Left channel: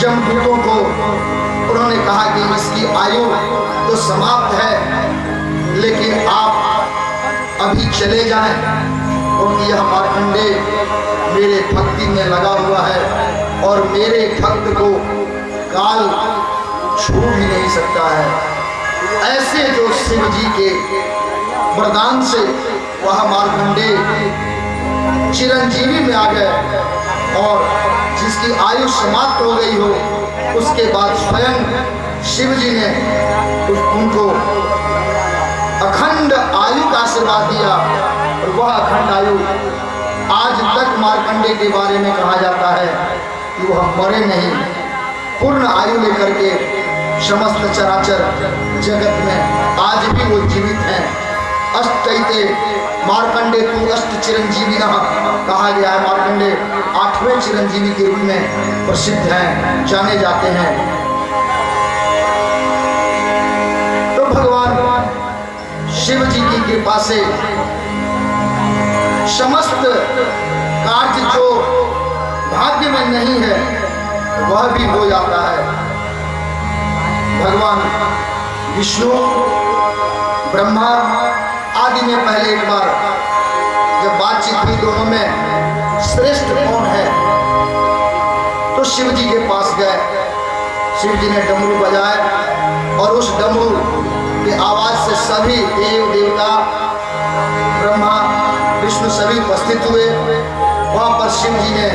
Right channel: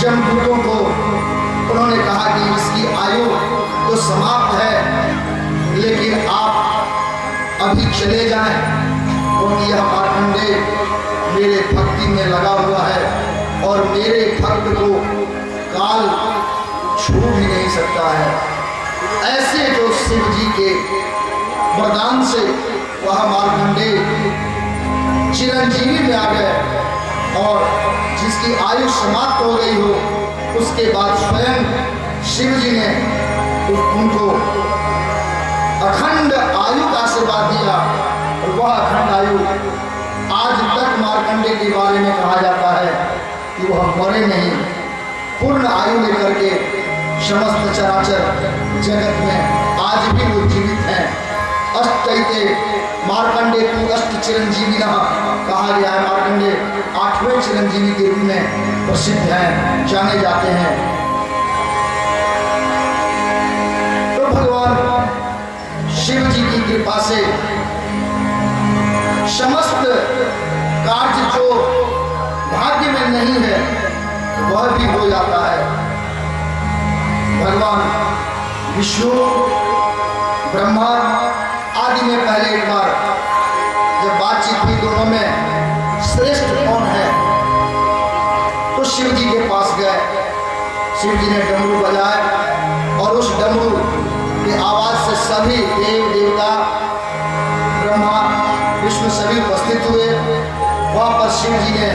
जमदूतों को उन्होंने कहा कि इसकी आयु तो समाप्त है, लेकिन आप अभी चले जाएं, क्योंकि यह मार्कंडेय मेरे भक्ति में लगा हुआ है और मेरे भक्त को काल छू भी नहीं सकता है। ऐसे जो शिव जी के वरदान से वह मार्कंडेय चिरंजीवी में आ गए और जिसकी आयु समाप्त हो गई हो, उसके बाद स्वयं शिव जी ने उनको अखंड आयु का आशीर्वाद दिया और वह अखंड आयु आज तक मार्कंडेय के बारे में कहा जाता है कि वह मरे नहीं, पूर्ण आयु लेकर के समस्त चराचर जगत में आज भी वो जीवित हैं। अष्टैते मार्कंडेय तू अष्ट चिरंजीवी कहा गया है। मार्कंडेय 8वें चिरंजीवी के रूप में प्रसिद्ध हैं, जाने जाते हैं। तो भगवान शिव जी की कृपा से समस्त कार्य जो भाग्य में नहीं है वह भी हो जाता है। भगवान विष्णु ब्रह्मा आदि में पहले एक बार जब बातचीत हुई दोनों में श्रेष्ठ कौन है, तो शिव जी के पास गए। शिव जी ने डमरू बजाए और उस डमरू की आवाज से सभी देव देवता ब्रह्मा विष्णु सभी उपस्थित हुए। वहां पर शिव जी ने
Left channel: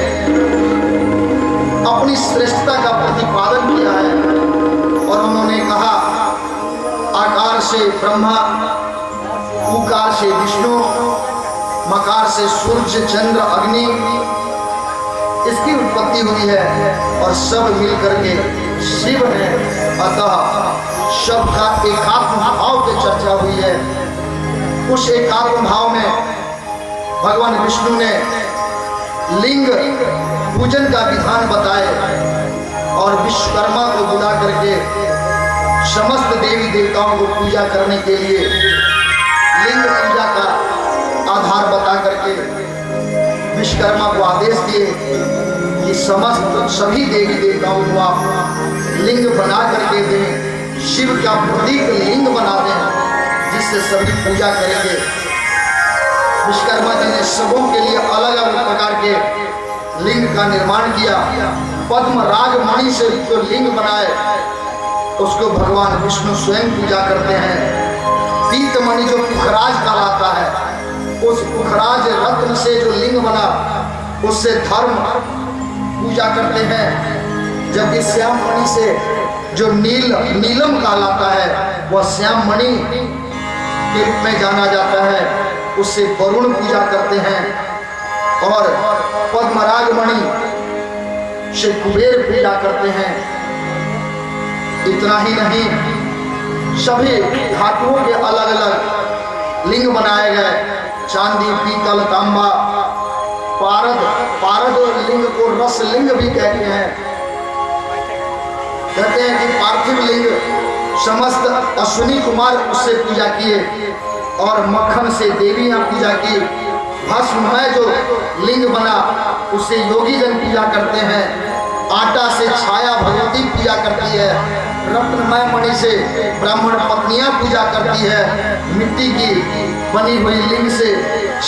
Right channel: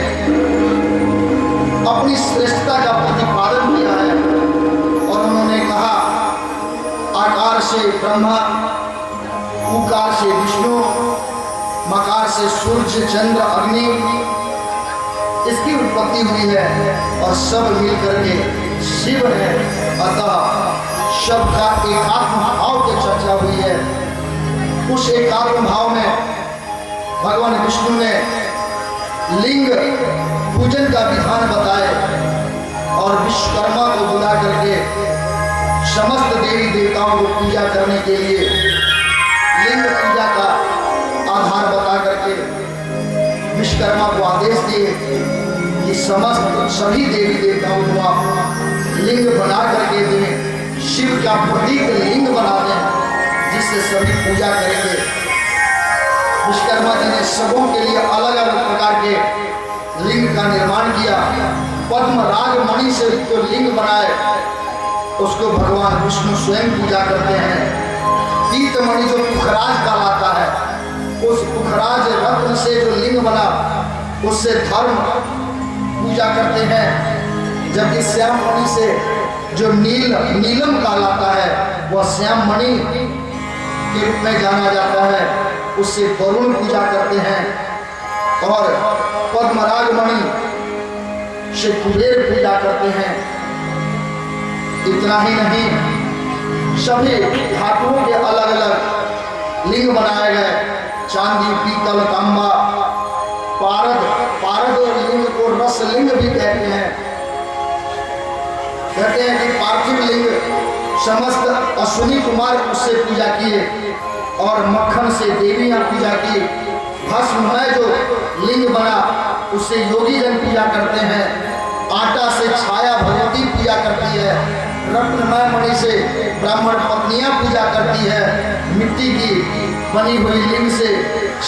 अपनी श्रेष्ठता का प्रतिपादन किया है और उन्होंने कहा, आकार से ब्रह्मा, उकार से विष्णु, मकार से सूर्य चंद्र अग्नि, इसकी उत्पत्ति हुई है और सब मिलकर के शिव है। अतः सब का एकात्म भाव की चर्चा हुई है। उस एकात्म भाव में भगवान विष्णु ने लिंग पूजन का विधान बताए और विश्वकर्मा को बुला करके समस्त देवी देवताओं को पूजा करने के लिए लिंग पूजा का आधार बता करके विश्वकर्मा को आदेश दिए कि समस्त सभी देवी देवताओं को आप लिंग बना करके दें, शिव का प्रतीक लिंग बना दें जिससे सभी पूजा करेंगे। विश्वकर्मा जी ने सबों के लिए अलग अलग प्रकार के लिंग का निर्माण किया। पद्मराग मणि से जो लिंग बनाए उसको भगवान विष्णु स्वयं पूजा करते हैं। पीतमणि जो पुखराज कहलाता है, उस पुखराज रत्न से जो लिंग बना उससे धर्म पूजा करते हैं। जबकि श्याम मणि से जो नीलम कहलाता है वह श्याम मणि के रूप में जाना जाता है, उससे वरुण पूजा करते हैं। और पद्मराग मणि से कुबेर पूजा करते हैं। इतना ही नहीं, सभी धातुओं के अलग अलग लिंग बनाए गए। चांदी, पीतल, तांबा, पारद लिंग को रस लिंग भी कहते हैं। कहते हैं कि पार्थिव लिंग समस्त अश्विनी कुमार उससे पूजा किए और मक्खन से देवियां पूजा की। भस्ममय जो लिंग बना उससे योगी जन पूजा करते हैं। आटा से छाया भगवती पूजा करती है। रत्नमय मणि से ब्राह्मण पत्नियां पूजा करती है। मिट्टी की बनी हुई लिंग से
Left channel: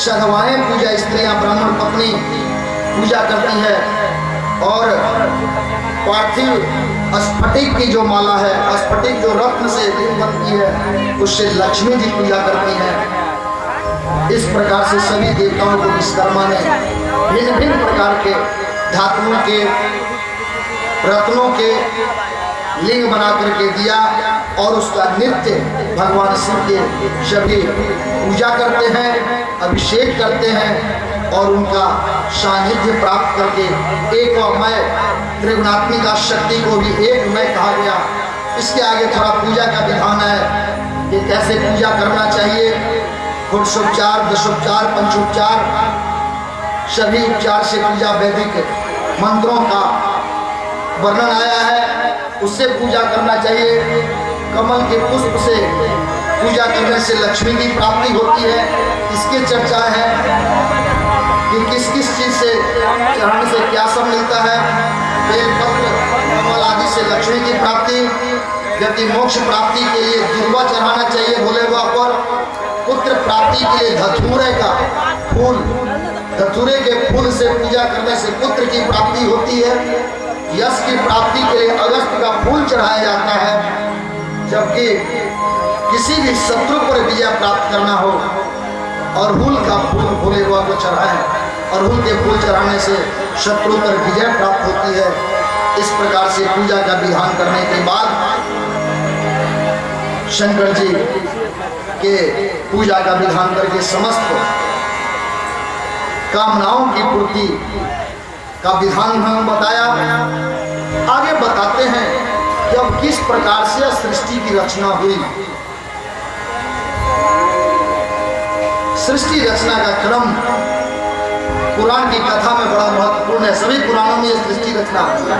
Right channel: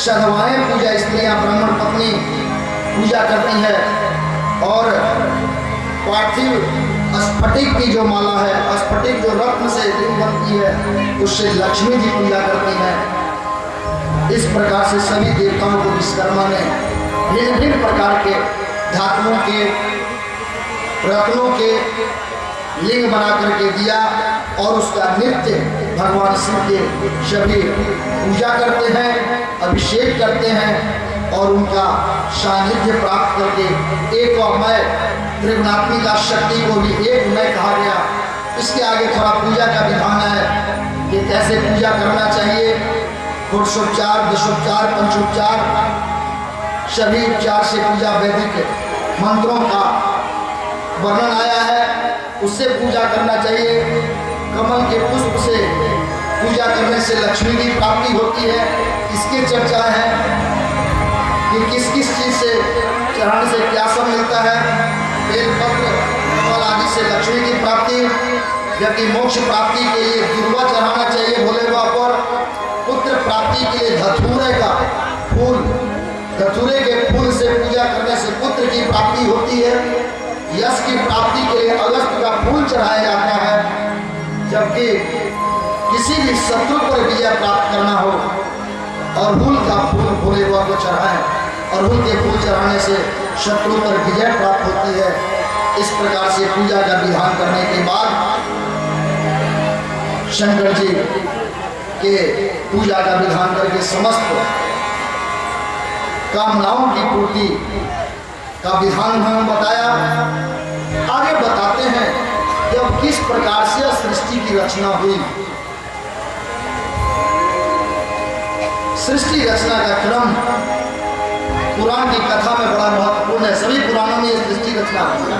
शर्वाएं पूजा स्त्रियां ब्राह्मण पत्नी पूजा करती है। और पार्थिव स्फटिक की जो माला है, स्फटिक जो रत्न से लिंग बनती है, उससे लक्ष्मी जी पूजा करती हैं। इस प्रकार से सभी देवताओं को विश्वकर्मा ने भिन्न भिन्न प्रकार के धातुओं के रत्नों के लिंग बना करके दिया और उसका नित्य भगवान शिव के सभी पूजा करते हैं, अभिषेक करते हैं और उनका सानिध्य प्राप्त करके एक अमय त्रिगुणात्मिका शक्ति को भी एक मय कहा गया। इसके आगे थोड़ा पूजा का विधान है कि कैसे पूजा करना चाहिए। घोषोपचार, दशोपचार, पंचोपचार, सभी उपचार से पूजा, वैदिक मंत्रों का वर्णन आया है, उससे पूजा करना चाहिए। कमल के पुष्प से पूजा करने से लक्ष्मी की प्राप्ति होती है। इसकी चर्चा है कि किस किस चीज से चढ़ाने से क्या सब मिलता है। बेलपत्र जबकि मोक्ष प्राप्ति के लिए दुर्वा चढ़ाना चाहिए भोले बाबा पर, पुत्र प्राप्ति के लिए धतूरे का फूल, धतूरे के फूल से पूजा करने से पुत्र की प्राप्ति होती है। यश की प्राप्ति के लिए अगस्त का फूल चढ़ाया जाता है। जबकि किसी भी शत्रु पर विजय प्राप्त करना हो अड़हुल का फूल भोले बाबा को चढ़ाएं। अड़हुल के फूल चढ़ाने से शत्रु पर विजय प्राप्त होती है। इस प्रकार से पूजा का विधान करने के बाद शंकर जी के पूजा का विधान करके समस्त कामनाओं की पूर्ति का विधान हम बताया। आगे बताते हैं जब किस प्रकार से सृष्टि की रचना हुई। सृष्टि रचना का क्रम पुराण की कथा में बड़ा महत्वपूर्ण है। सभी पुराणों में सृष्टि रचना होती है।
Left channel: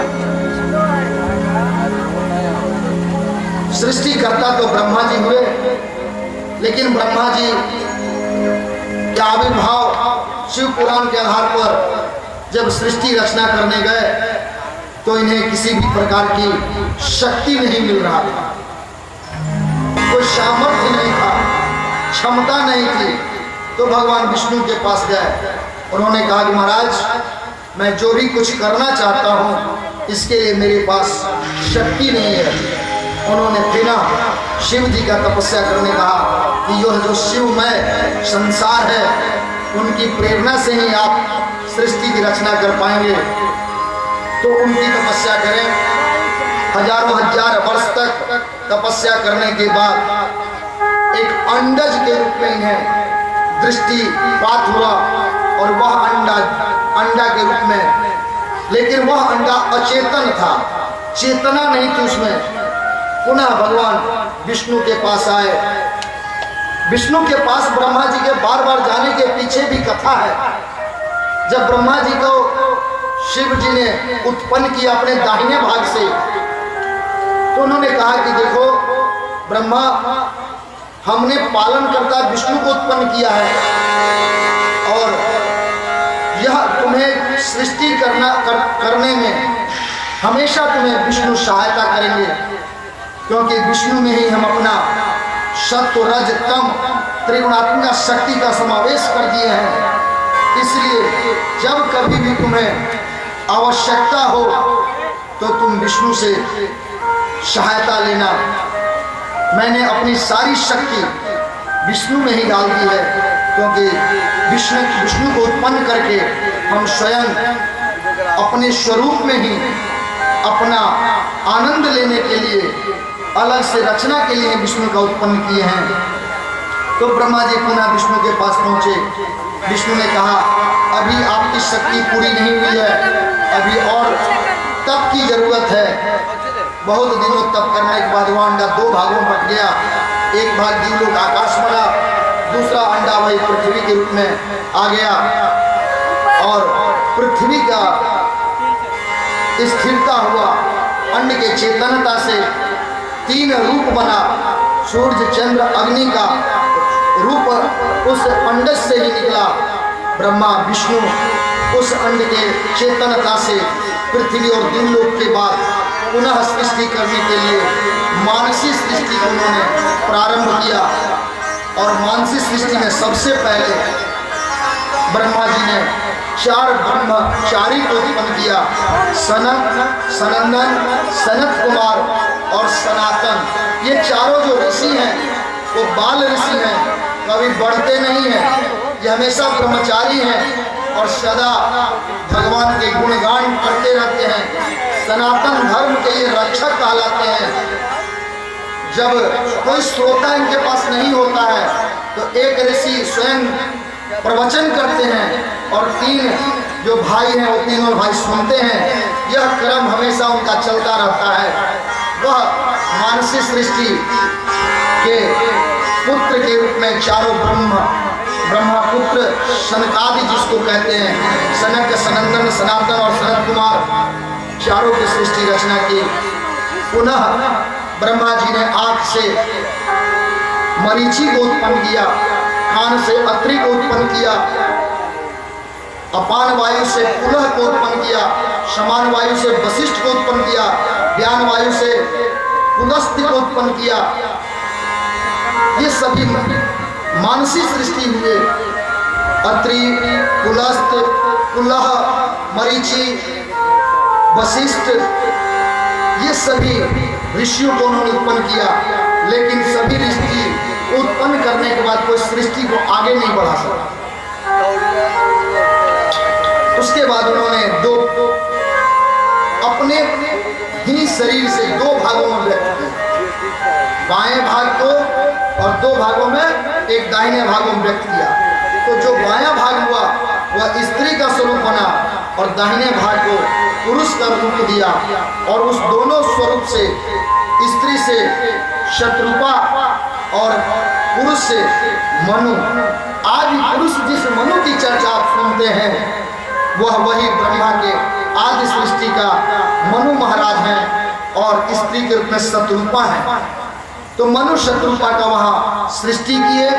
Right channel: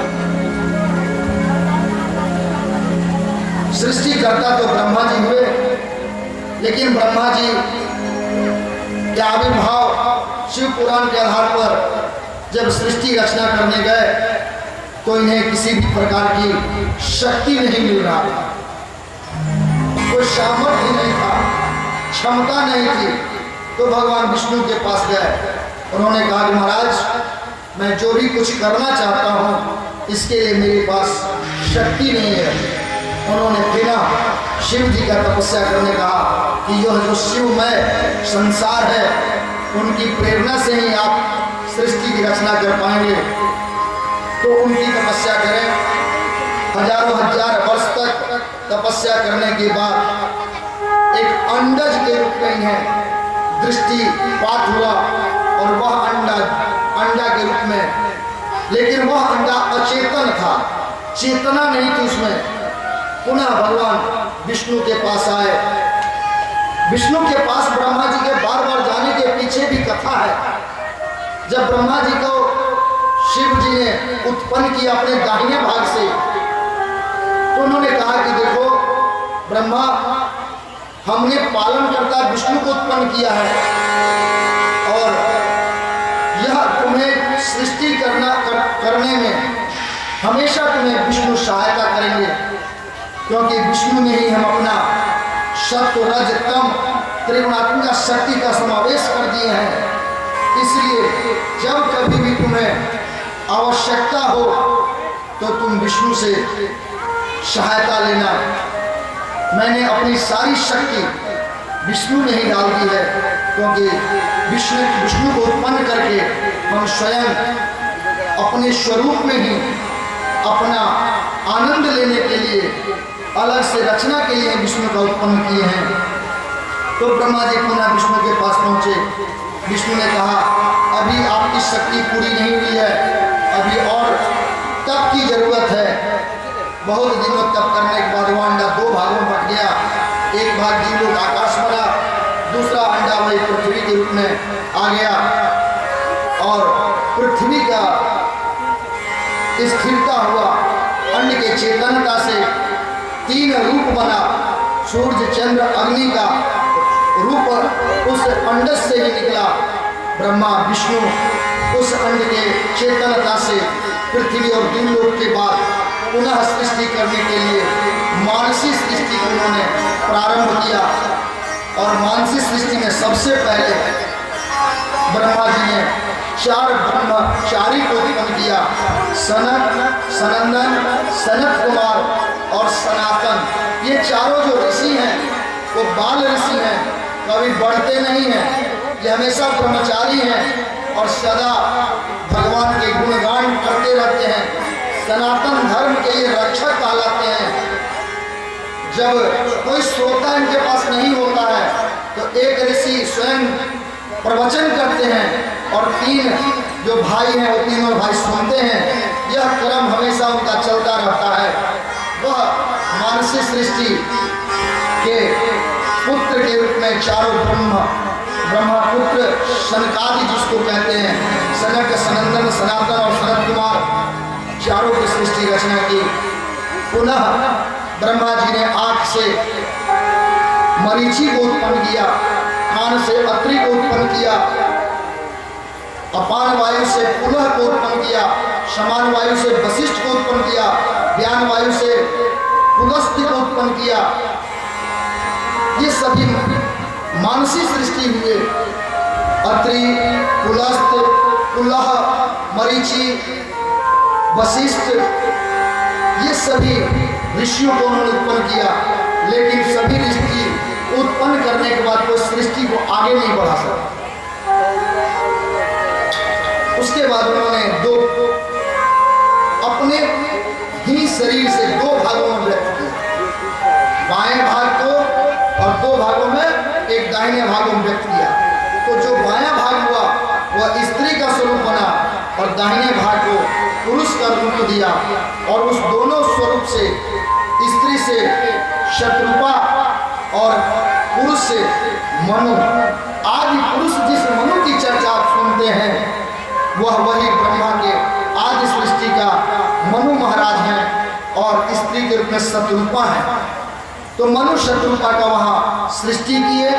सृष्टिकर्ता तो ब्रह्मा जी हुए, लेकिन ब्रह्मा जी के आविर्भाव शिव पुराण के आधार पर जब सृष्टि रचना करने गए तो इन्हें किसी भी प्रकार की शक्ति नहीं मिल रहा था, कोई सामर्थ्य नहीं था, क्षमता नहीं थी। तो भगवान विष्णु के पास गए। उन्होंने कहा कि महाराज मैं जो भी कुछ करना चाहता हूँ इसके लिए मेरे पास शक्ति नहीं है। उन्होंने बिना शिव जी का तपस्या करने कहा कि यह जो शिवमय संसार है उनकी प्रेरणा से ही आप सृष्टि की रचना कर पाएंगे। तो उनकी तपस्या करें। हजारों हजार वर्ष तक तपस्या करने के बाद एक अंडज के रूप में इन्हें दृष्टिपात हुआ और वह अंडा के रूप में, लेकिन वह अंडा अचेतन था, चेतना नहीं थी उसमें। पुनः भगवान विष्णु के पास आए। विष्णु के पास ब्रह्मा जी के बार बार जाने के पीछे भी कथा है। जब ब्रह्मा जी को शिव जी ने उत्पन्न किया अपने दाहिने भाग से, तो उन्होंने कहा कि देखो ब्रह्मा, हमने पालन करता विष्णु को उत्पन्न किया है और यह तुम्हें सृष्टि करने में हमेशा तुम्हें विष्णु सहायता करेंगे, क्योंकि विष्णु में ही हम अपना सत्व रज तम त्रिगुणात्मक शक्ति का समावेश कर दिए हैं। इसलिए जब कभी भी तुम्हें आवश्यकता हो तो तुम विष्णु से सहायता लेना। मैंने अपनी सारी शक्ति विष्णु में ही डाल दी है, क्योंकि विष्णु को उत्पन्न करके हम स्वयं अपने स्वरूप में ही अपना आनंद लेने के लिए अलग से रचना के लिए विष्णु का उत्पन्न किए हैं। तो ब्रह्मा जी पुनः विष्णु के पास पहुंचे। विष्णु ने कहा अभी आपकी शक्ति पूरी नहीं हुई है, अभी और तप की जरूरत है। बहुत दिनों तप करने के बाद वह अंडा दो भागों में बट गया। एक भाग जीवलोक आकाश बना, दूसरा अंडा वही पृथ्वी के रूप में आ गया और पृथ्वी का स्थिरता हुआ। अन्न के चेतनता से तीन रूप बना। सूर्य चंद्र अग्नि का रूप उस अंड से ही निकला। ब्रह्मा विष्णु उस अंड के चेतनता से पृथ्वी और दिवलोक के बाद पुनः सृष्टि करने के लिए मानसी सृष्टि को उन्होंने प्रारंभ किया। और मानसी सृष्टि में सबसे पहले ब्रह्मा जी ने चार ब्रह्मचारी को उत्पन्न किया। सनत, सनंदन, सनत कुमार और सनातन। ये चारों जो ऋषि हैं वो बाल ऋषि हैं, कभी बढ़ते नहीं हैं, ये हमेशा ब्रह्मचारी हैं और सदा भगवान के गुणगान करते रहते हैं। सनातन धर्म के ये रक्षक कहलाते हैं। जब कोई श्रोता इनके पास नहीं होता है तो एक ऋषि स्वयं प्रवचन करते हैं और तीन जो भाई हैं वो तीनों भाई सुनते हैं। यह क्रम हमेशा उनका चलता रहता है। वह मानसी सृष्टि के पुत्र के रूप में चारों ब्रह्मपुत्र सनकादि जिसको कहते हैं, सनक, सनंदन, सनातन और सनत कुमार, चारों की सृष्टि रचना की। पुनः ब्रह्मा जी ने आँख से मरीचि को उत्पन्न किया, कान से अत्रि को उत्पन्न किया, अपान वायु से पुलह को उत्पन्न किया, समान वायु से वशिष्ठ को उत्पन्न किया, व्यान वायु से पुलस्त्य को उत्पन्न किया। ये सभी मानसी सृष्टि हुए। अत्रि, पुलस्त्य, पुलह, मरीचि, वशिष्ठ, ये सभी ऋषियों को उन्होंने उत्पन्न किया। लेकिन सभी ऋषि उत्पन्न करने के बाद कोई सृष्टि को आगे नहीं बढ़ा सका। उसके बाद उन्होंने अपने ही शरीर से दो भागों में व्यक्त किया, बाएं भाग को और दो भागों में एक दाहिने भाग में व्यक्त किया। तो जो बायां भाग हुआ वह स्त्री का स्वरूप बना और दाहिने भाग को पुरुष का रूप दिया। और उस दोनों स्वरूप से, स्त्री से शत्रुपा और पुरुष से मनु, आदि पुरुष जिस मनु की चर्चा आप सुनते हैं वह वही ब्रह्मा के आदि सृष्टि का मनु महाराज हैं और स्त्री के रूप में शत्रुपा है। तो मनु शत्रुपा का वहाँ सृष्टि किए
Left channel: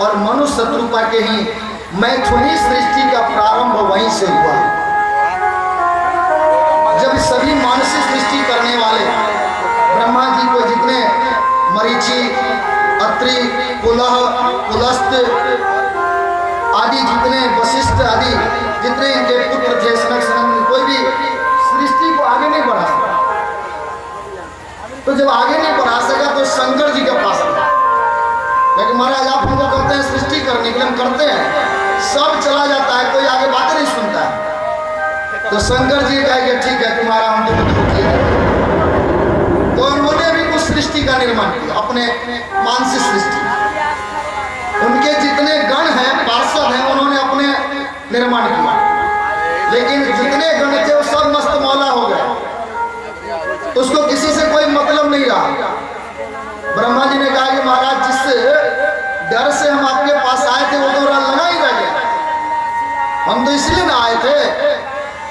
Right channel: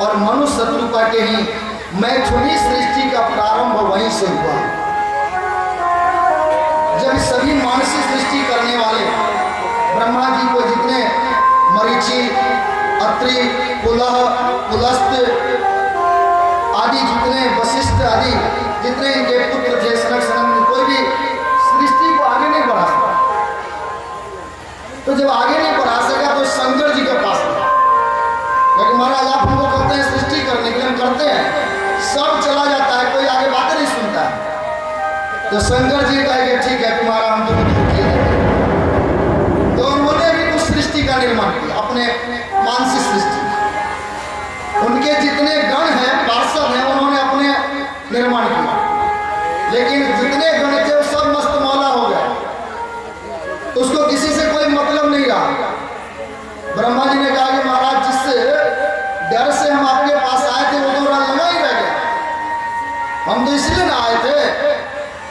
और मनु शत्रुपा के ही मैथुनी सृष्टि का प्रारंभ वहीं से हुआ। जब सभी मानसी सृष्टि करने वाले ब्रह्मा जी को जितने मरीचि, अत्रि, पुलह, पुलस्त्य आदि जितने वशिष्ठ आदि जितने इनके पुत्र थे, सनक सनंदन, कोई भी सृष्टि को आगे नहीं बढ़ा सका। तो जब आगे नहीं बढ़ा सका तो शंकर जी के पास गया, क्योंकि महाराज आप हमको कहते हैं सृष्टि करने के लिए, हम करते हैं, सब चला जाता है, कोई आगे बातें नहीं सुनता है। तो शंकर जी कहेंगे ठीक है तुम्हारा हम तो उन्होंने भी कुछ सृष्टि का निर्माण किया, अपने मानसिक सृष्टि। उनके जितने गण हैं, पार्षद हैं, उन्होंने अपने निर्माण किया। लेकिन जितने गण थे वो सब मस्त मौला हो गए, उसको किसी से कोई मतलब नहीं रहा। ब्रह्मा जी ने कहा कि महाराज जिससे डर से हम आपके पास आए थे वो तो लगा ही रह गया। हम तो इसलिए ना आए थे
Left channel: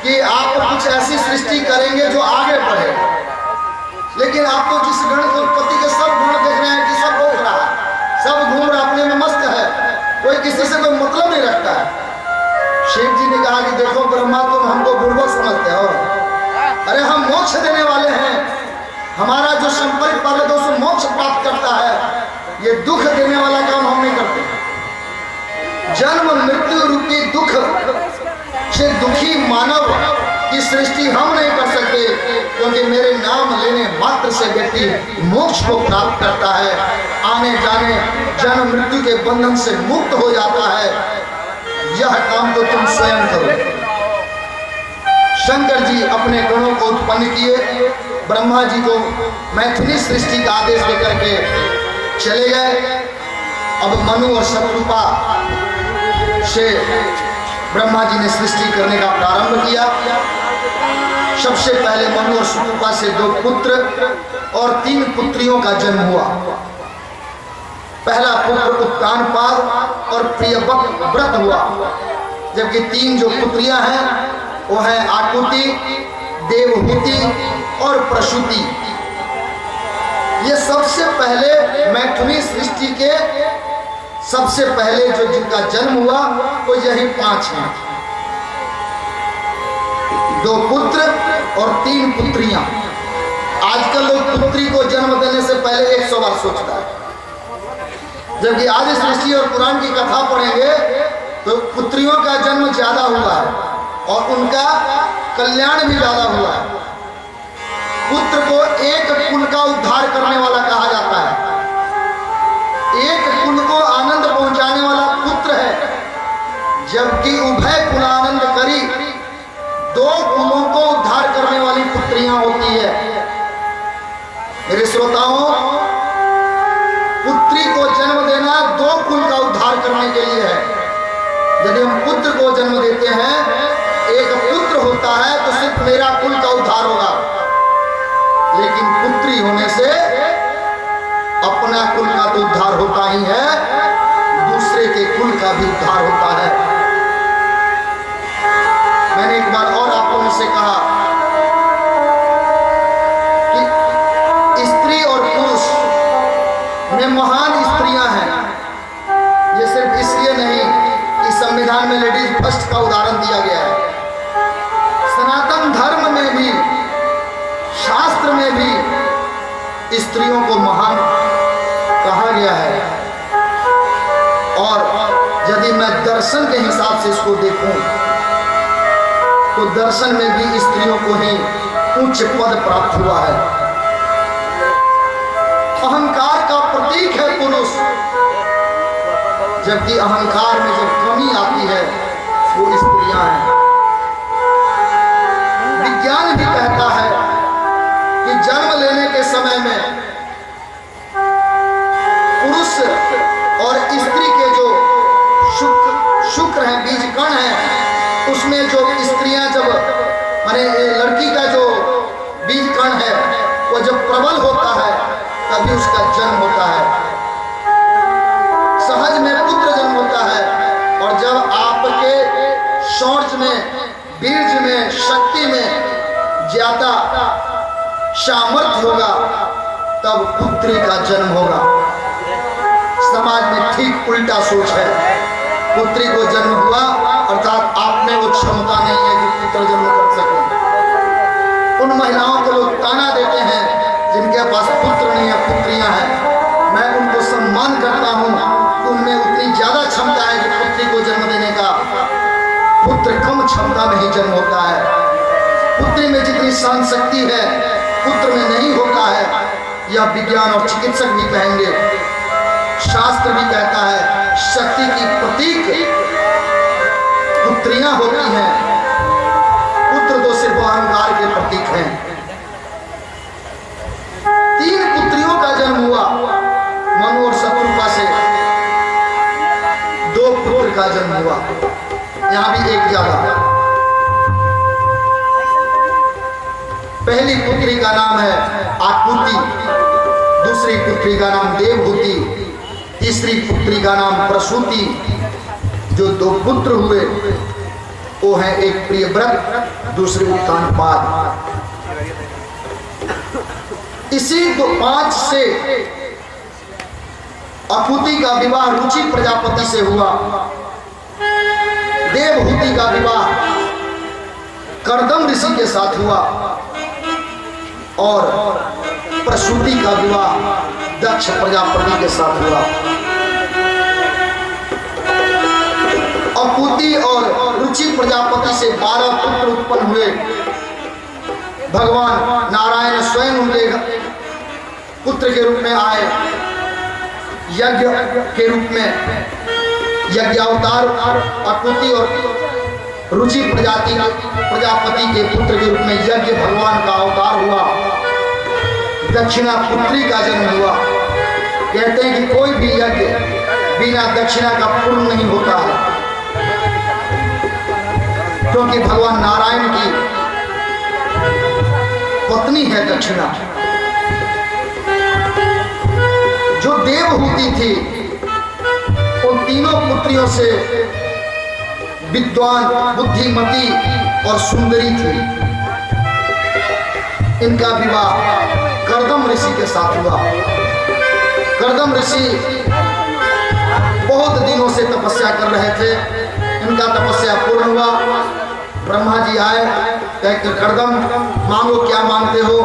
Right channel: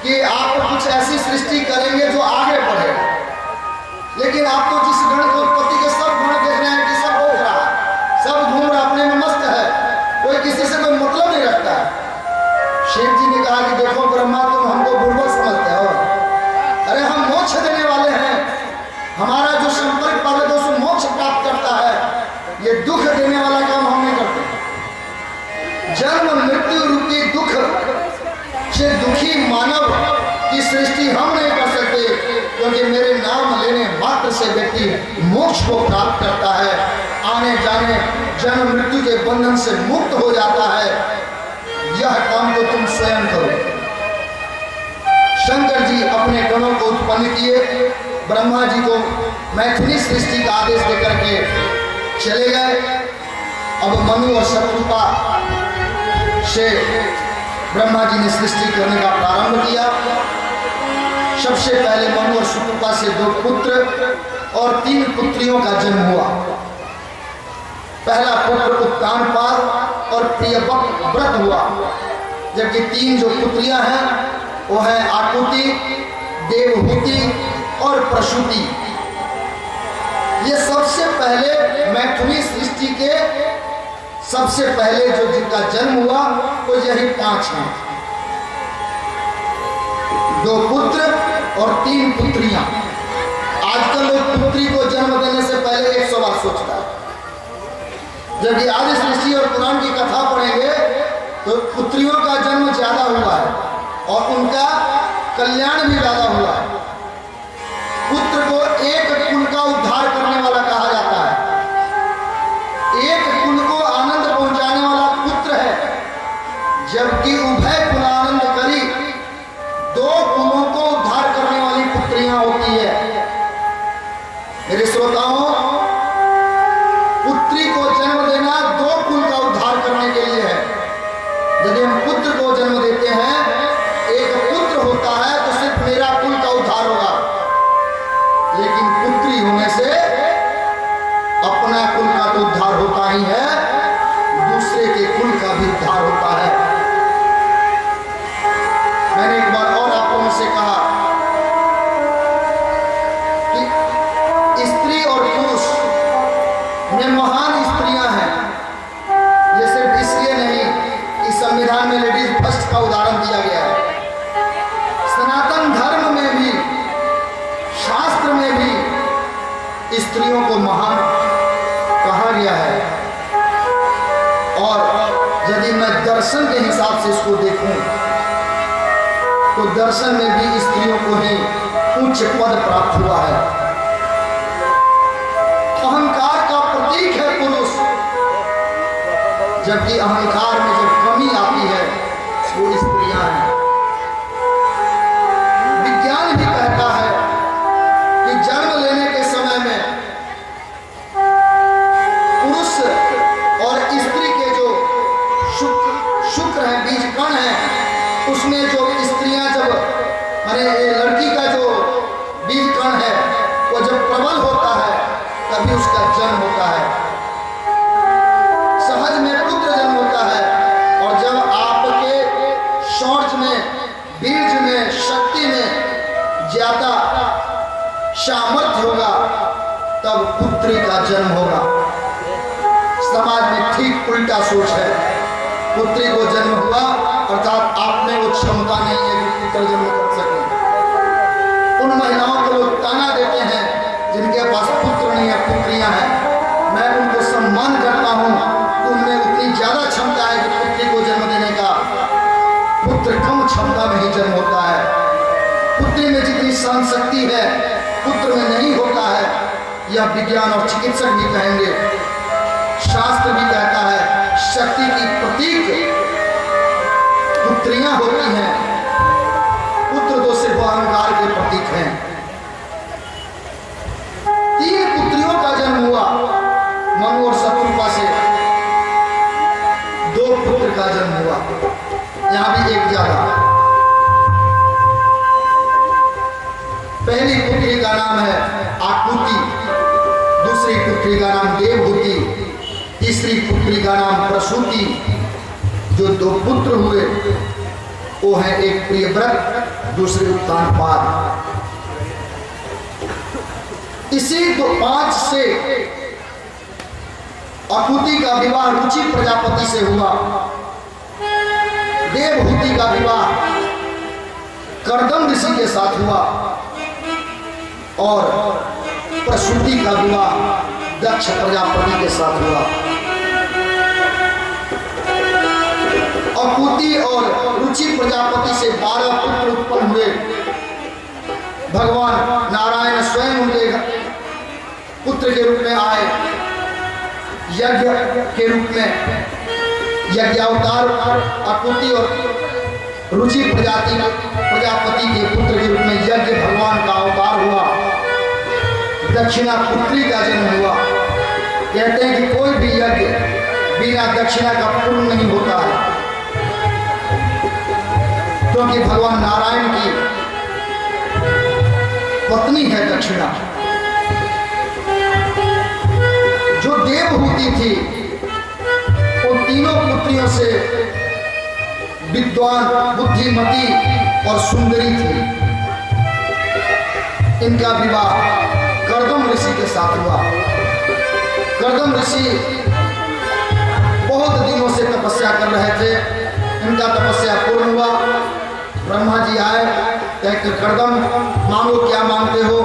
कि आप कुछ ऐसी सृष्टि करेंगे जो आगे बढ़ेगा। लेकिन आप तो जिस गण को उत्पत्ति के सब गुण देख रहे हैं कि सब हो रहा है, सब घूम रहा, अपने में मस्त है, कोई किसी से कोई मतलब नहीं रखता है। शिव जी ने कहा कि देखो ब्रह्मा तुम हमको बुर्बक समझते हो, अरे हम मोक्ष देने वाले हैं, हमारा जो संपर्क पाले तो उसको मोक्ष प्राप्त करता है, ये दुख देने वाला काम हम नहीं करते। जन्म मृत्यु रूपी दुख से दुखी मानव की सृष्टि हम नहीं कर सकते, क्योंकि मेरे नाम लेने मात्र से व्यक्ति मोक्ष को प्राप्त करता है, आने जाने जन्म मृत्यु के बंधन से मुक्त हो जाता है। यह काम तो तुम स्वयं करो। शंकर जी अपने गणों को उत्पन्न किए, ब्रह्मा जी को मैथिली सृष्टि का आदेश देकर के चले गए। अब मनु और शत्रुपा से ब्रह्मा जी ने सृष्टि करने का प्रारंभ किया। सबसे पहले मनु और शत्रुपा से 2 पुत्र और 3 पुत्रियों का जन्म हुआ। पहला पुत्र उत्तानपाद और प्रियव्रत हुआ, जबकि 3 जो पुत्रियां हैं वो हैं आकुति, देवहूति और प्रसूति। ये सबसे पहले मैथुनी सृष्टि के सबसे पहले जो जिनका जन्म हुआ वो यही 5 हैं, 2 पुत्र और 3 पुत्रियां। आजकल लोग पुत्री को जन्म देने से पहले 100 बार सोचता है, जबकि आदि सृष्टि और पुराण की कथा पढ़ेंगे तो पुत्रियों का जन्म ज्यादा हुआ है और उनका कल्याण भी ज्यादा हुआ है। पुत्र को एक कुल का उद्धार करने वाला कहा जाता है, एक कुल को आनंद पहुंचाने वाला पुत्र है, जबकि उभय कुल आनंद करी 2 कुलों को उद्धार करने वाली पुत्रियां होती है। मेरे श्रोताओं, पुत्री को जन्म देना 2 कुल का उद्धार करने के लिए है। यदि हम पुत्र को जन्म देते हैं, एक पुत्र होता है तो सिर्फ मेरा कुल का उद्धार होगा, लेकिन पुत्री होने से अपना कुल का तो उद्धार होता ही है, दूसरे के कुल का भी उद्धार होता है। मैंने एक बार और आप लोगों से कहा कि स्त्री और पुरुष में महान स्त्रियां हैं। ये सिर्फ इसलिए नहीं कि संविधान में लेडीज फर्स्ट का उदाहरण दिया गया है, सनातन धर्म में भी, शास्त्र में भी स्त्रियों को महान कहा गया है। और यदि मैं दर्शन के हिसाब से इसको देखूं तो दर्शन में भी स्त्रियों को ही उच्च पद प्राप्त हुआ है। अहंकार का प्रतीक है पुरुष, जबकि अहंकार में जब कमी आती है वो स्त्रियां हैं। विज्ञान भी कहता है कि जन्म लेने के समय में पुरुष और स्त्री के जो शुक्र है, बीज कण है, उसमें जो स्त्रियां जब माने लड़की का जो बीज कण है वो जब प्रबल होता है तभी उसका जन्म होता है, सहज में पुत्र जन्म होता है। और जब आपके शौर्य में, बीर्ज में, शक्ति में ज्यादा सामर्थ्य होगा तब पुत्री का जन्म होगा। समाज में ठीक उल्टा सोच है, पुत्री को जन्म हुआ अर्थात आप में वो क्षमता नहीं है कि पुत्र जन्म कर सके। उन महिलाओं को लोग ताना देते हैं जिनके पास पुत्र नहीं है, पुत्रियां हैं। मैं उनको सम्मान करता हूं, उनमें उतनी ज्यादा क्षमता है कि पुत्री को जन्म देने का। पुत्र कम क्षमता में ही जन्म होता है। पुत्री में जितनी सहन शक्ति है पुत्र में नहीं होता है, यह विज्ञान और चिकित्सक भी कहेंगे। शास्त्र भी कहता है शक्ति की प्रतीक पुत्रियां होती हैं, पुत्र तो सिर्फ अहंकार के प्रतीक हैं। 3 पुत्रियों का जन्म हुआ मनु और शत्रुपा से, 2 पुत्र का जन्म हुआ, यहां भी एक ज्यादा। पहली पुत्री का नाम है आकुति, दूसरी पुत्री का नाम देवहूति, तीसरी पुत्री का नाम प्रसूति। जो 2 पुत्र हुए वो है एक प्रियव्रत, दूसरे उत्तानपाद। इसी 5 से आकुति का विवाह रुचि प्रजापति से हुआ, देवहूति का विवाह कर्दम ऋषि के साथ हुआ और प्रसूति का विवाह दक्ष प्रजापति के साथ हुआ। आकुति और रुचि प्रजापति से 12 पुत्र उत्पन्न हुए। भगवान नारायण स्वयं उनके पुत्र के रूप में आए, यज्ञ के रूप में यज्ञावतार आकुति और रुचि प्रजापति के पुत्र के रूप में यज्ञ भगवान का अवतार हुआ। दक्षिणा पुत्री का जन्म हुआ। कहते हैं कि कोई भी यज्ञ बिना दक्षिणा का पूर्ण नहीं होता है, क्योंकि भगवान नारायण की पत्नी है दक्षिणा। जो देवहूति थी उन तीनों पुत्रियों से विद्वान, बुद्धिमती और सुंदरी थी। इनका विवाह कर्दम ऋषि के साथ हुआ। कर्दम ऋषि बहुत दिनों से तपस्या कर रहे थे, इनका तपस्या पूर्ण हुआ। ब्रह्मा जी आए, कहकर कर्दम मांगो, क्या मांगते हो?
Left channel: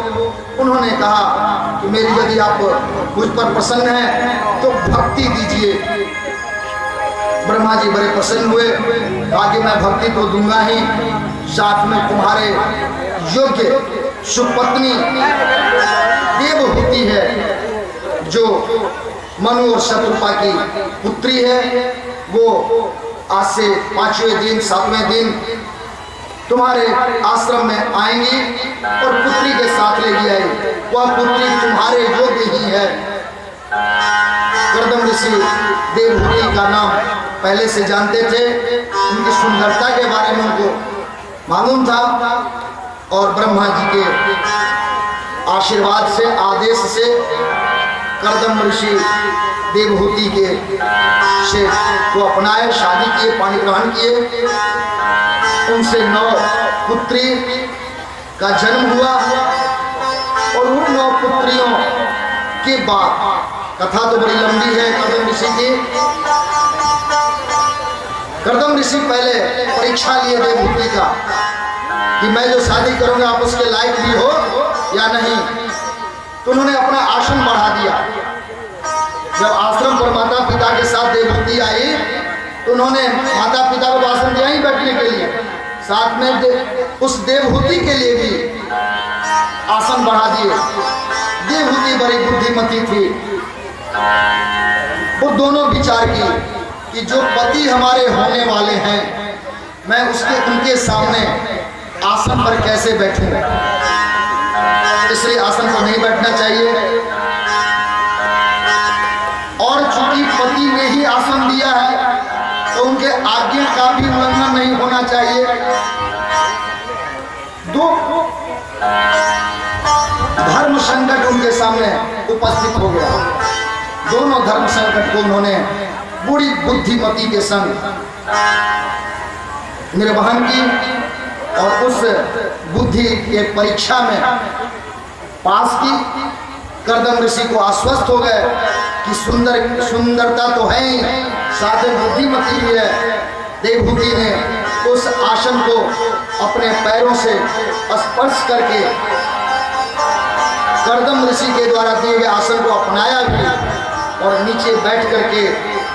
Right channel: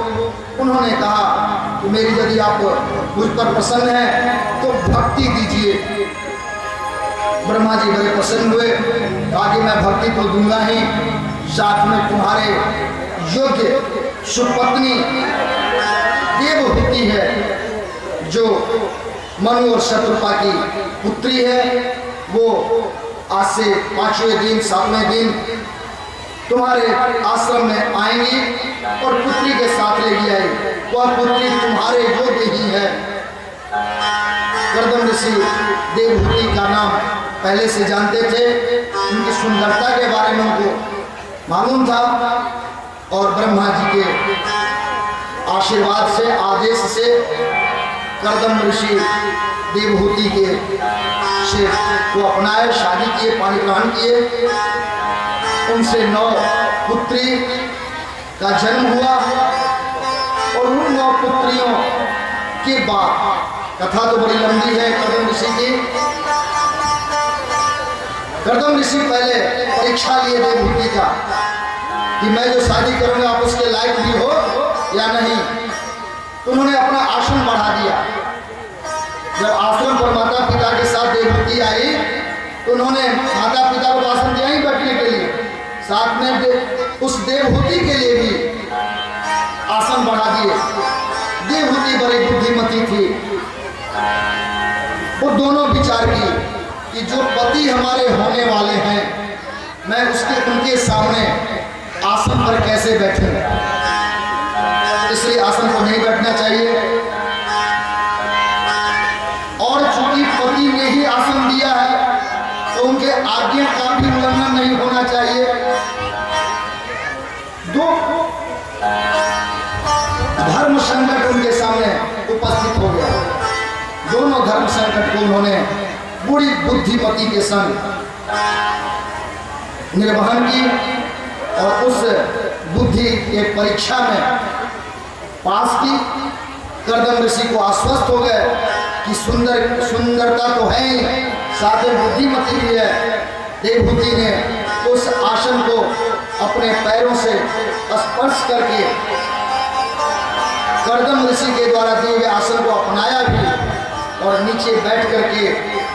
उन्होंने कहा कि मेरी यदि आप मुझ पर प्रसन्न हैं तो भक्ति दीजिए। ब्रह्मा जी बड़े प्रसन्न हुए, आगे मैं भक्ति तो दूंगा ही, साथ में तुम्हारे योग्य सुपत्नी देवहूति है, जो मनु और शत्रुपा की पुत्री है, वो आज से 5वें दिन 7वें दिन तुम्हारे आश्रम में आएंगी और पुत्री के साथ लेगी आई। वह पुत्री तुम्हारे योग्य ही है। कर्दम ऋषि देवहूति का नाम पहले से जानते थे, उनकी सुंदरता के बारे में उनको मालूम था और ब्रह्मा जी के आशीर्वाद से, आदेश से कर्दम ऋषि देवहूति के से को अपनाए, शादी किए, पानी ग्रहण किए। उनसे 9 पुत्री का जन्म हुआ और उन 9 पुत्रियों के बाद, कथा तो बड़ी लंबी है कर्दम ऋषि की। कर्दम ऋषि पहले परीक्षा लिए देवहूति का कि मैं जो शादी करूंगा आप उसके लायक भी हो या नहीं। तो उन्होंने अपना आसन बढ़ा दिया। जब आश्रम पर माता पिता के साथ देवहूति आई तो उन्होंने माता पिता को आसन दिया ही बैठने के लिए, साथ में उस देवहूति के लिए भी आसन बढ़ा दिए। देवहूति बड़ी बुद्धिमती थी। वो दोनों विचार की कि जो पति हमारे होने वाले हैं, मैं उनके सामने आसन पर कैसे बैठूं, इसलिए आसन पर नहीं बैठना चाहिए। और चूंकि पति ने ही आसन दिया है तो उनके आज्ञा का भी उल्लंघन नहीं होना चाहिए। दो धर्म संकट उनके सामने उपस्थित हो गया। दोनों धर्म संकट को उन्होंने पूरी बुद्धिमती के संग निर्वहन की और उस बुद्धि के परीक्षा में पास की। कर्दम ऋषि को आश्वस्त हो गए कि सुंदरता तो है, साथ ही बुद्धिमती भी है। देवहूति ने उस आसन को अपने पैरों से स्पर्श करके कर्दम ऋषि के द्वारा दिए गए आसन को अपनाया भी और नीचे बैठ करके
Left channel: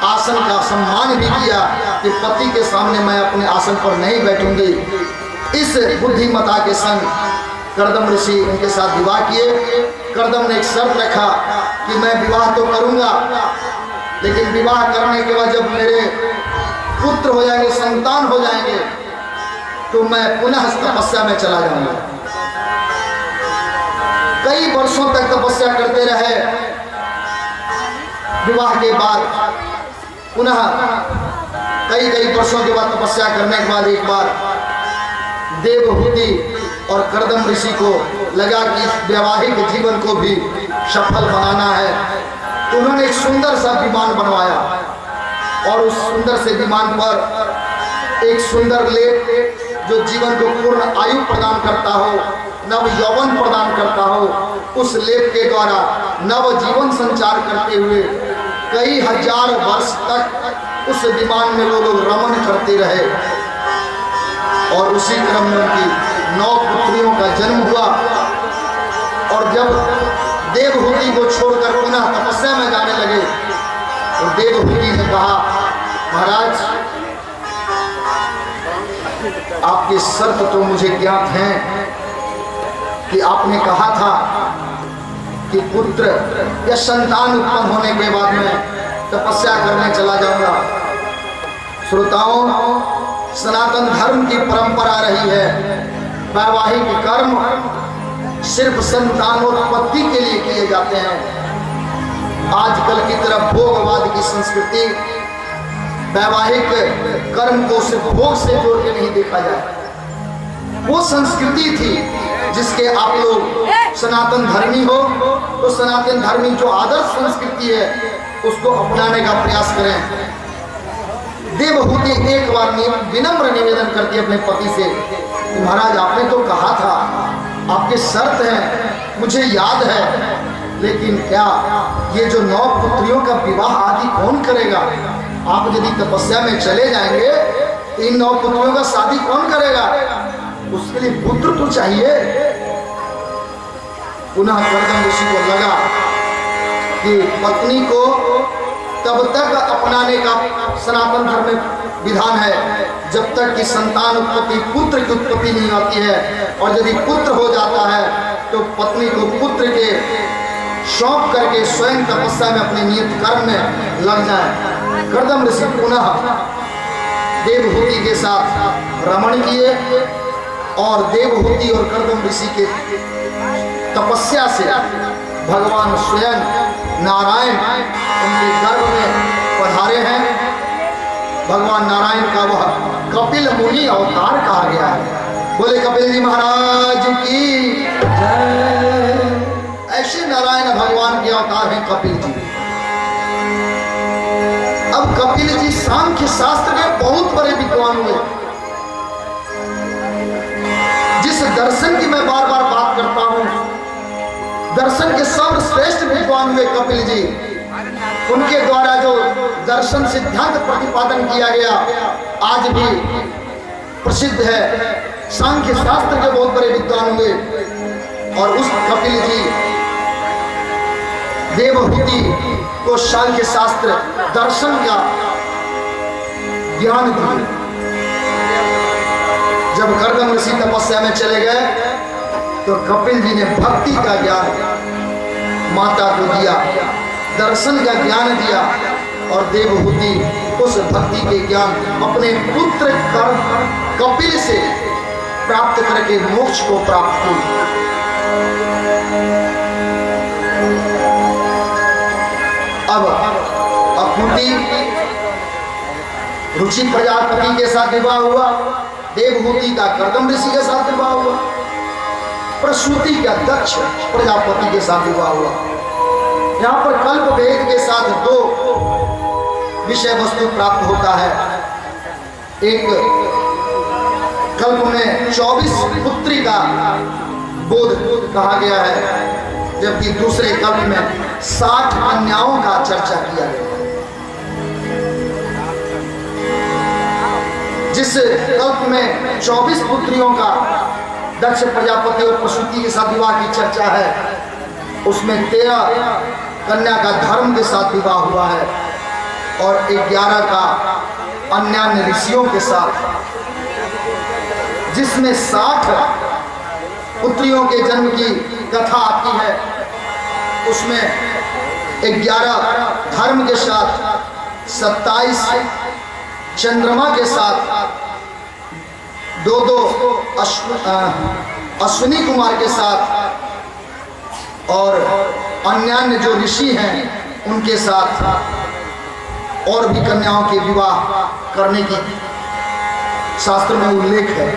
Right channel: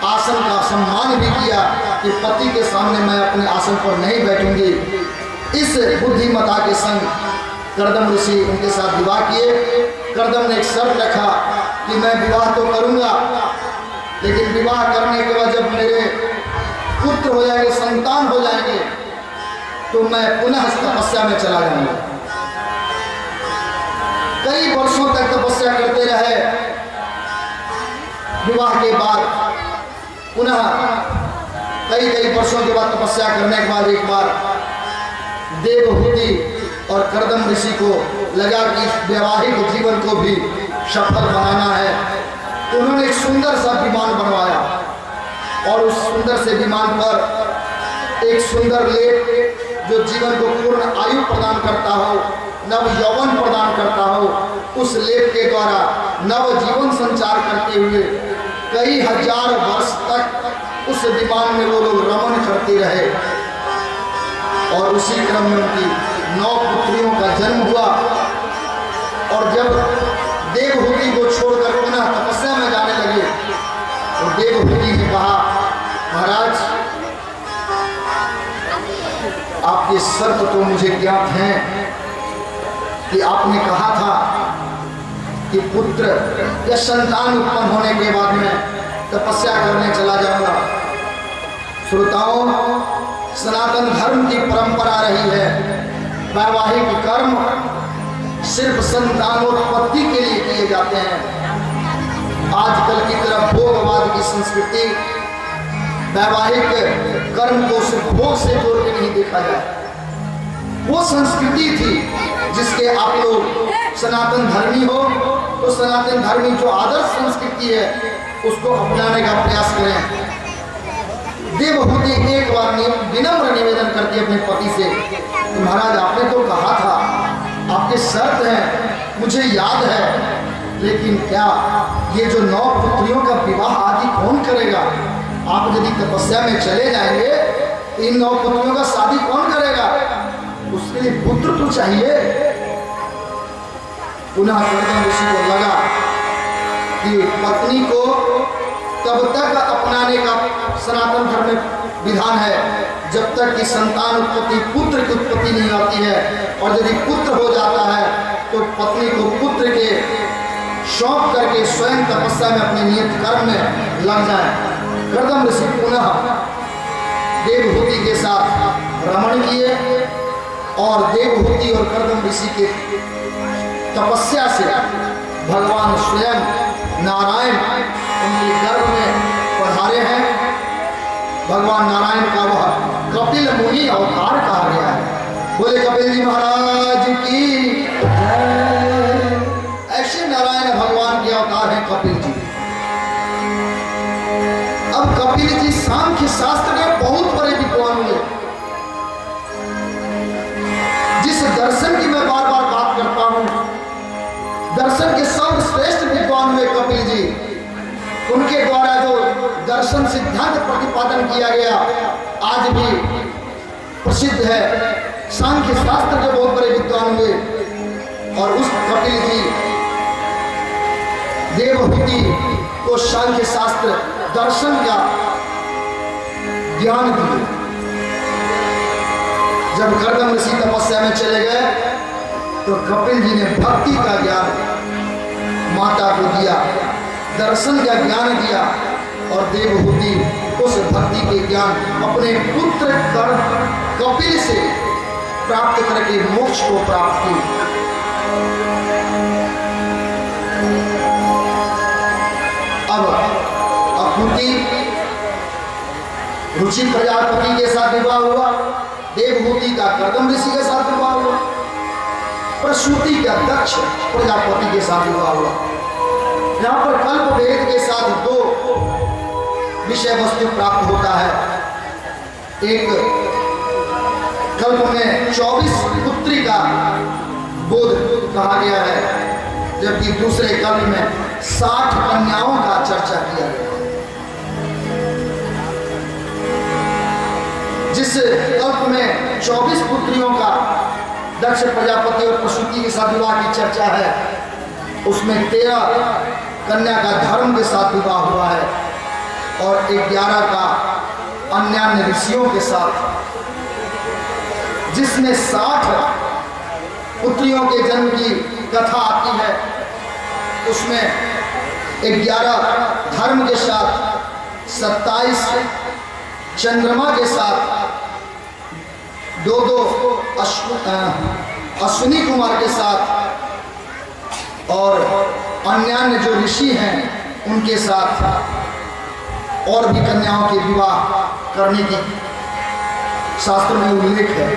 आसन का सम्मान भी किया कि पति के सामने मैं अपने आसन पर नहीं बैठूंगी। इस बुद्धिमता के संग कर्दम ऋषि उनके साथ विवाह किए। कर्दम ने एक शर्त रखा कि मैं विवाह तो करूंगा, लेकिन विवाह करने के बाद जब मेरे पुत्र हो जाएंगे, संतान हो जाएंगे, तो मैं पुनः तपस्या में चला जाऊंगा। कई वर्षों तक तपस्या करते रहे। विवाह के बाद पुनः कई वर्षों के बाद तपस्या करने के बाद एक बार देवहूति और कर्दम ऋषि को लगा कि वैवाहिक जीवन को भी सफल बनाना है। तो उन्होंने एक सुंदर सा विमान बनवाया और उस सुंदर से विमान पर एक सुंदर लेप जो जीवन को पूर्ण आयु प्रदान करता हो, नव यौवन प्रदान करता हो, उस लेप के द्वारा नव जीवन संचार करते हुए कई हजार वर्ष तक उस विमान में वो लोग रमन करते रहे। और उसी क्रम में उनकी 9 पुत्रियों का जन्म हुआ। और जब देवहूति को छोड़कर पुनः तपस्या में जाने लगे तो देवहूति ने कहा, महाराज आपकी शर्त तो मुझे ज्ञात है कि आपने कहा था कि पुत्र या संतान उत्पन्न होने के बाद में तपस्या करने चला जाऊंगा। श्रोताओं, सनातन धर्म की परंपरा रही है वैवाहिक कर्म सिर्फ संतानोत्पत्ति के लिए किए जाते हैं। आजकल की तरफ भोगवाद की संस्कृति वैवाहिक कर्म को सिर्फ भोग से जोड़ के नहीं देखा जाए। वो संस्कृति थी जिसके आप लोग सनातन धर्मी हो तो सनातन धर्मी जो आदर्श संस्कृति है उसको अपनाने का प्रयास करें। देवहूति एक बार विनम्र निवेदन करती है अपने पति से, महाराज आपने तो कहा था, आपके शर्त हैं, मुझे याद है, लेकिन क्या ये जो 9 पुत्रियों का विवाह आदि कौन करेगा? आप यदि तपस्या में चले जाएंगे तो इन 9 पुत्रियों का शादी कौन करेगा? उसके लिए पुत्र तो चाहिए। पुनः कर्दम ऋषि को लगा कि पत्नी को तब तक अपनाने का सनातन धर्म में विधान है जब तक कि संतान उत्पत्ति, पुत्र की उत्पत्ति नहीं आती है। और यदि पुत्र हो जाता है तो पत्नी को पुत्र के सौंप करके स्वयं तपस्या में अपने नियत कर्म में लग जाए। कर्दम ऋषि पुनः देवहूति के साथ रमण किए और देवहूति और कर्दम ऋषि के तपस्या से भगवान स्वयं नारायण उनके गर्भ में पधारे हैं। भगवान नारायण का वह कपिल मुनि अवतार कहा गया है। बोले कपिल जी महाराज की जय। ऐसे नारायण भगवान के अवतार हैं कपिल जी। अब कपिल जी सांख्य शास्त्र के बहुत बड़े विद्वान हुए। जिस दर्शन की मैं बार बार बात करता हूं, दर्शन के सर्वश्रेष्ठ विद्वान हुए कपिल जी। उनके द्वारा जो दर्शन सिद्धांत प्रतिपादन किया गया आज भी प्रसिद्ध है। सांख्य शास्त्र के बहुत बड़े विद्वान हुए और उस कपिल जी देवहूति को सांख्य शास्त्र दर्शन का ज्ञान दिए। जब कर्दम ऋषि तपस्या में चले गए तो कपिल जी ने भक्ति का ज्ञान माता को दिया, दर्शन का ज्ञान दिया, और देवहूति उस भक्ति के ज्ञान अपने पुत्र कपिल से प्राप्त करके मोक्ष को प्राप्त की। अब अकुति रुचि प्रजापति के साथ विवाह हुआ, देवहूति का कर्दम ऋषि के साथ विवाह हुआ, प्रसूति का दक्ष प्रजापति के साथ विवाह हुआ। यहाँ पर कल्प भेद के साथ दो विषय वस्तु प्राप्त होता है। एक कल्प में 24 पुत्री का बोध कहा गया है, जबकि दूसरे कल्प में 60 कन्याओं का चर्चा किया गया। जिस कल्प में 24 पुत्रियों का दक्ष प्रजापति और प्रसूति के साथ विवाह की चर्चा है, उसमें 13 कन्या का धर्म के साथ विवाह हुआ है और 11 का अन्य ऋषियों के साथ। जिसमें 60 पुत्रियों के जन्म की कथा आती है, उसमें 11 धर्म के साथ, 27 चंद्रमा के साथ, 2 अश्विनी कुमार के साथ, और अन्य जो ऋषि हैं उनके साथ और भी कन्याओं के विवाह करने की शास्त्र में उल्लेख है।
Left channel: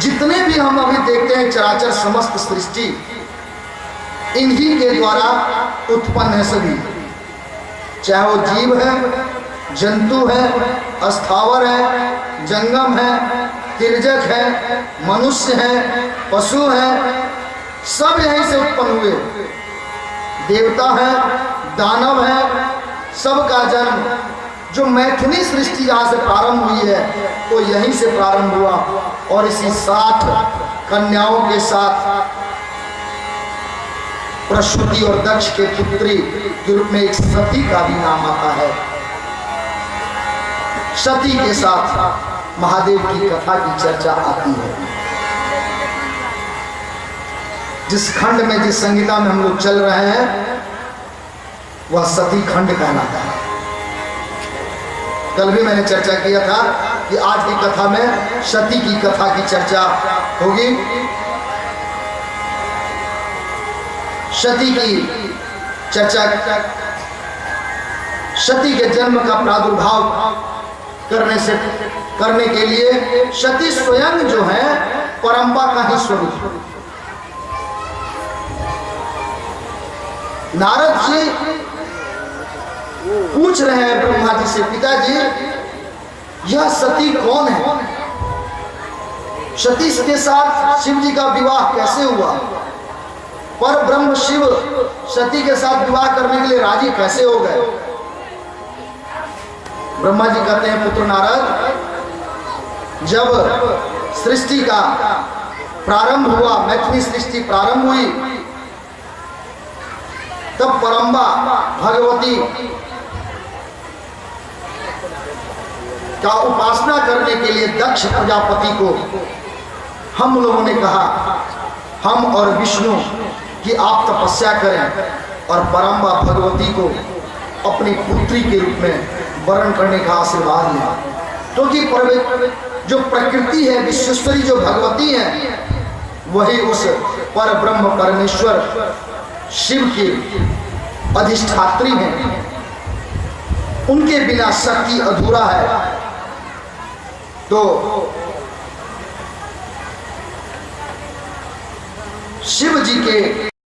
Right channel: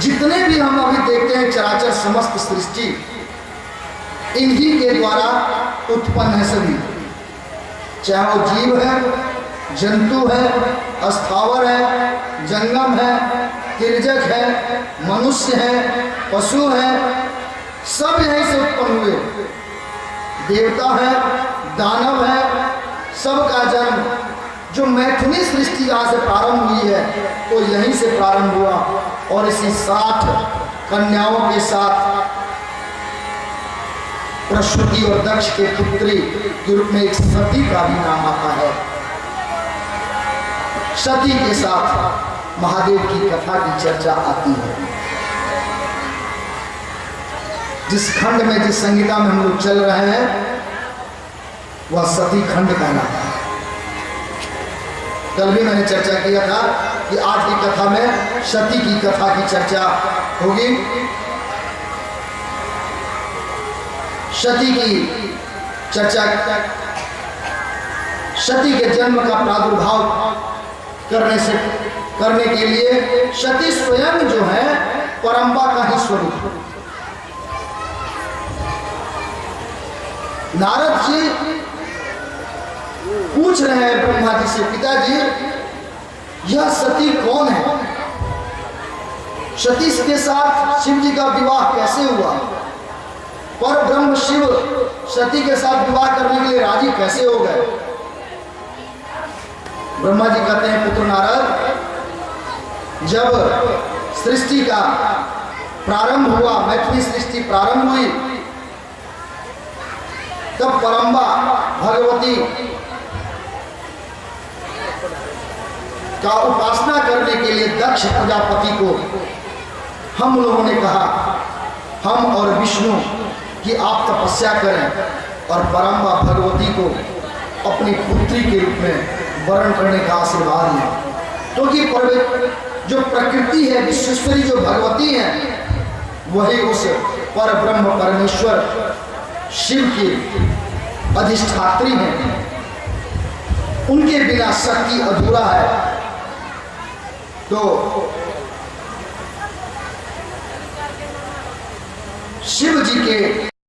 जितने भी हम अभी देखते हैं चराचर समस्त सृष्टि इन्हीं के द्वारा उत्पन्न है सभी, चाहे वो जीव है, जंतु है, स्थावर है, जंगम है, तिर्यक है, मनुष्य है, पशु है, सब यहीं से उत्पन्न हुए। देवता है, दानव है, सबका जन्म जो मैथुनी सृष्टि यहाँ से प्रारंभ हुई है तो यहीं से प्रारंभ हुआ। और इसी 60 कन्याओं के साथ प्रसूति और दक्ष के पुत्री के रूप में एक सती का भी नाम आता है। सती के साथ महादेव की कथा की चर्चा आती है। जिस खंड में, जिस संहिता में हम लोग चल रहे हैं वह सती खंड कहलाता है। कल भी मैंने चर्चा किया था कि आज की कथा में सती की कथा की चर्चा होगी। सती की चर्चा, सती के जन्म का प्रादुर्भाव करने के लिए सती स्वयं जो है परंपा का ही स्वरूप। नारद जी पूछ रहे हैं ब्रह्मा जी से, पिताजी यह सती कौन है? सती के साथ शिव जी का विवाह कैसे हुआ? पर ब्रह्म शिव सती के साथ विवाह करने के लिए राजी कैसे हो गए? ब्रह्मा जी कहते हैं, पुत्र नारद, जब सृष्टि का प्रारंभ हुआ, मैथिली सृष्टि प्रारंभ हुई, तब परम्बा भगवती का उपासना करने के लिए दक्ष प्रजापति को हम लोगों ने कहा, हम और विष्णु कि आप तपस्या करें और परम्बा भगवती को अपनी पुत्री के रूप में वर्ण करने का आशीर्वाद लें। क्योंकि जो प्रकृति है, विश्वेश्वरी जो भगवती है, वही उस पर ब्रह्म परमेश्वर शिव की अधिष्ठात्री हैं। उनके बिना शक्ति अधूरा है। तो शिव जी के